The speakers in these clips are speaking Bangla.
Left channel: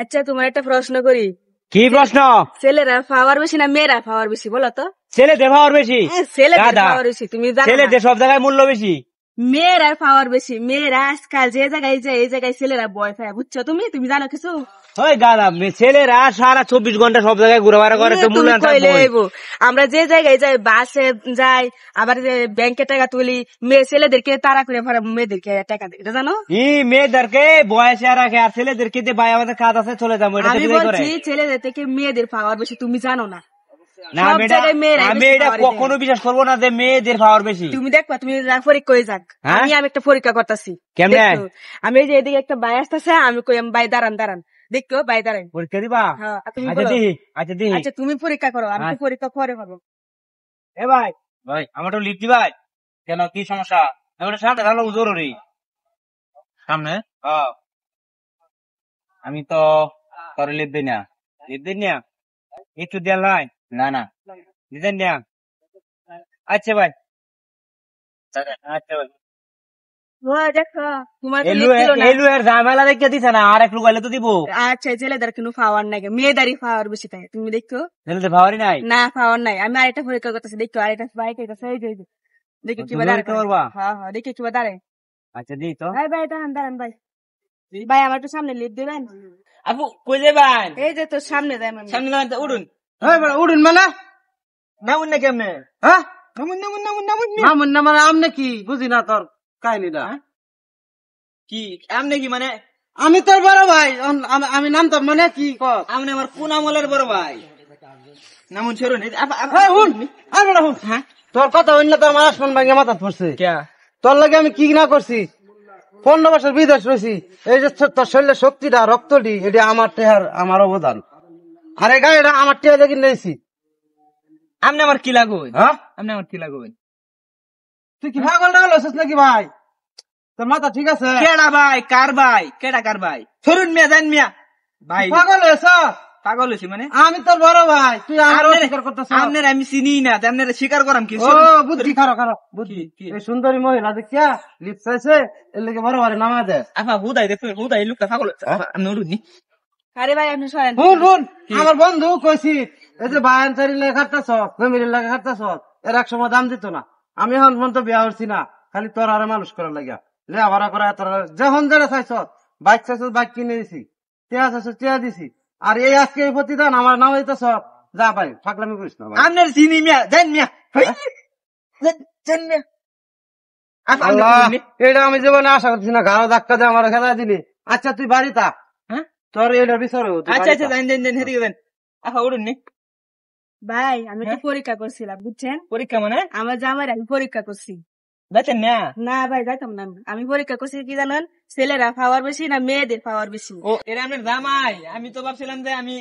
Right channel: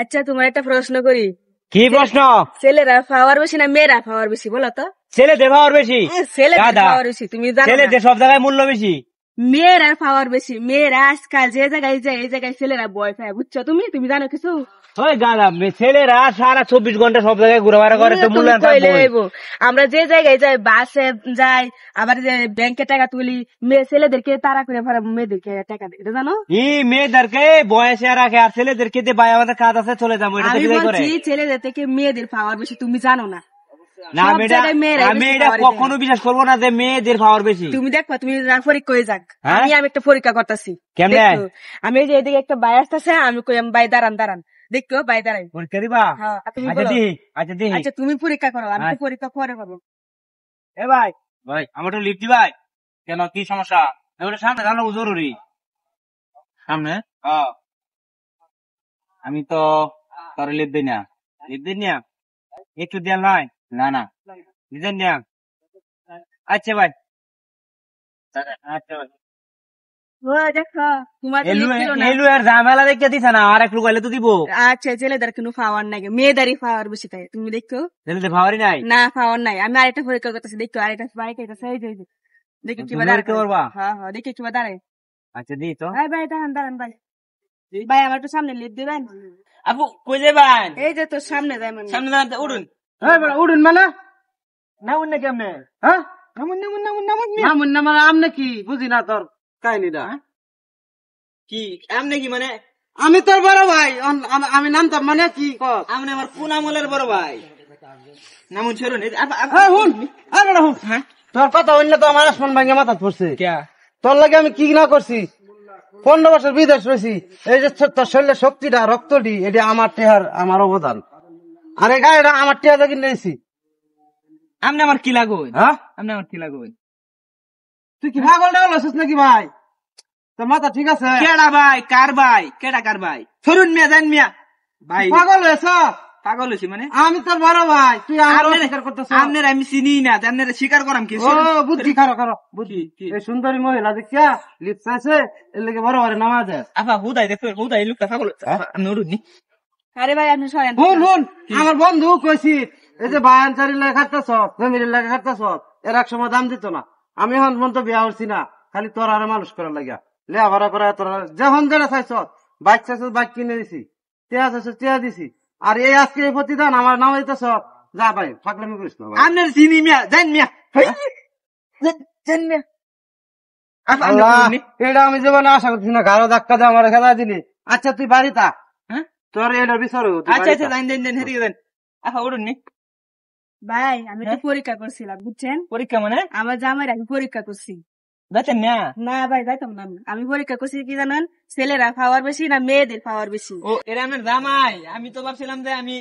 আচ্ছা তোমার একটা প্রশ্ন করি, কি প্রশ্ন? ছেলেরা পাওয়ার বেশি না মেয়েরা পাওয়ার বেশি বলো তো? ছেলেদের পাওয়ার বেশি। ছেলেদের পাওয়ার বেশি, তুমি জানো না? ছেলেদের সব জায়গায় মূল্য বেশি। মেয়েরা পাওয়ার বেশি। মেয়েরা আজকাল যে জায়গায় যায় এই জায়গায় ছেলেরা ভয় পায়, বুঝছো? তুমি তুমি জানো কিছু? ওই গাদা ছেলেরা সারা 24 ঘন্টা সব জায়গায় ঘোরাফেরা করে, তো মূল্যায়ন থাকবে। আমরা যে জায়গায় যাই, বাসে যাই, আবার ব্যাংকে টাকা তুলি, মেয়ে ছেলেদেরকে তাড়া করে মেয়েদেরকে টাকা দিই, এটা জানো? মেয়েদেরকে বয়সে রাখে, আর ছেলেদেরকে দিয়ে ভাই আমাদের কাজ আছে চলে যাবো, এটা আমি বলছি ছেলেদের থেকে মেয়েদের পাওয়ার বেশি, তুমি জানো না? না আমি এটা কখনো বিশ্বাস করবো না যে মেয়েদের পাওয়ার বেশি। তুমি দেখবা, তুমি পরীক্ষা হয়ে যাক, আমি একটা পরীক্ষা করতেছি। আমি এই যে এদিকে একটা ভাই আসতেছে, আমি কই ভাই দাঁড়ান দাঁড়ান, দেখো ভাই দাঁড়ান, পরীক্ষা দিবা? আচ্ছা তুমি পরীক্ষা করো, আমি তো পরীক্ষা পরে করবো। এ ভাই ভাই আমার তো লিফট দিবাই। কেন, কি সমস্যা? সামনে ভালো জরুরি। সামনে আমি তো তোর লিফট দিই না। লিফট দিই না, একটু দেন লাই। না না দিতেন না। আচ্ছা ভাই, আচ্ছা ভাই। ঝামেলা দেখে দিছে না, আর একটু গেলে তো দিব। আচ্ছা ছেলেদের কোনো পাওয়ার নাই, মেয়েদেরই পাওয়ার বেশি তাই, তুমি দেখো। ছেলেদের পাওয়ারই নাই? না পাওয়ার নাই। আমি আরেকটা পরীক্ষা করতেছি, দেখো আরেকটা বাইক দেখো কিবা দাঁড়ায়। হ্যাঁ হ্যাঁ দেখো কিবা দাঁড়ায়। আচ্ছা দি তো। ভাই দাঁড়ান দাঁড়ান ভাই, ভাই আমার একটু সামনে লিফট দিবেন? আপু কই যাবেন? এই যে তো সামনে যাই, সামনে যান, উঠুন। হ্যাঁ উঠুন মানে নামুন না কেমনে? হ্যাঁ নামুন না মানে আমনে কি বুঝি না তোর কাহিনীটা। কি আমনে কি মানে? আমি তোর বড় ভাই, আমি নামতাম মানে কি আপনি আমার কোন আমলের বড় ভাই? নামুন ছেড়ুন। তোর কথা হইলে তো আমার আসমান ভাঙে মাথা পড়ছে। তোর লাগে আমি কি না করছি, 15 বছর বিদেশ রয়েছি, এই যে তোর শরীরের শক্তিটা রক্তটি, এটা আমার টেহার আমার অবদান। আর এই গাড়িটা আমার টেহা দেখি নিয়েছি। আপনি আমার কি লাগবে? হ্যাঁ আপনি আমার কি লাগবে? তুই কি পাগল টাগল হচ্ছিস নাকি ভাই? তোর মাথা ঠিক আছে? কেডা ভাই? কার ভাই? কেডা কার ভাই? ফেরুন মিয়া জান মিয়া ভাই। পাগল হয়েছ? পাগল হয়েছি মানে? আমি তোর বড় ভাই, তুই আমার স্বীকার করতেছ? আপনার আমি চিনি না, আপনার স্বীকার করাম কি? বুদ্ধি খারো খারো বুদ্ধি। এই সুন্দরী মহিলা দেখিয়া লিপস আছে, এর লেগে বড় ভাই নামা দেয়। আফা হুদাই দেখো, হুদাই লোকটা পাগল। আমি উঠুনি। আরে ভাই আপনি সরেন। শুন আমার বন্ধু কইছি, এই যে বায়ানচারি লেখা খাটতেছ, জমির লেখা খাটতেছ, এর এক সময় দাম দিত না। আমি এখন পর্যন্ত বিয়া হচ্ছি না, খালি তোর আরো মানুষ করার লাগিয়া লেয়া ভাড়া করা তোর যখন যেটা চাইছ, বাইক চাইছ বাইক কিনে দিছি, টিয়া চাইছ টিয়া দিছি। আর এই আজকে এই প্রতিদান আমার নাম দিতেছ, যা ভাই থাকলামি করিস না। আপনার চিনি মিয়া জান মিয়া এটা আমি জীবনে আশা করছি না, গাড়ো ধাক্কা দিয়ে আমার খেলা দিলি। আচ্ছা তুই বাড়ি থাক, হ্যাঁ তোর এটা বিচার। আচ্ছা আচ্ছা জান দেন দেন হেরি দেন। আচ্ছা উঠুন নি ভাই, আমি তো পরীক্ষা করছিলাম, বুঝছেন? পরীক্ষা মানে? আমার জামাই আমি পরীক্ষা করছি। যাচ্ছেন না? না ভাই যাইতাম না, আমি পরীক্ষা করছি কি জানেন, ছেলেরা পাওয়ার বেশি না মেয়েদের পাওয়ার বেশি। ও এরা আপনার জামাই? আমি তো ভাবছিলাম যে আমি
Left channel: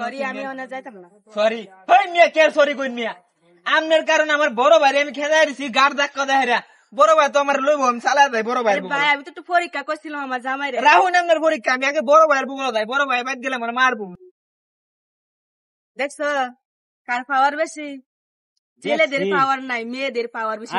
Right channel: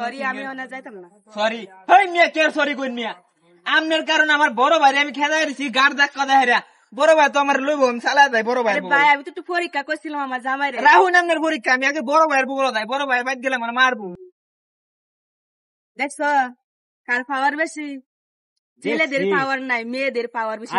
সরি, আমি ওনা যাইতাম না। সরি হই মিয়া, কে সরি কই মিয়া? আপনার কারণে আমার বড় ভাই আমি খেলা দিছি, গাড় ধাক্কা দেয়। বড় ভাই তো আমার লইব, আমি চালা যাই বড় ভাই। ভাই আমি তো একটু পরীক্ষা করছিলাম আমার জামাই। রাহুল আপনার পরীক্ষা, আমি আগে বড় ভাইয়ের বুড়ো যাই, বড় ভাই বাদ গেলে আমার মারবো। দেখছো কার পাওয়ার বেশি? ছেলেদের পাওয়ার নাই, মেয়েদের পাওয়ার বেশি।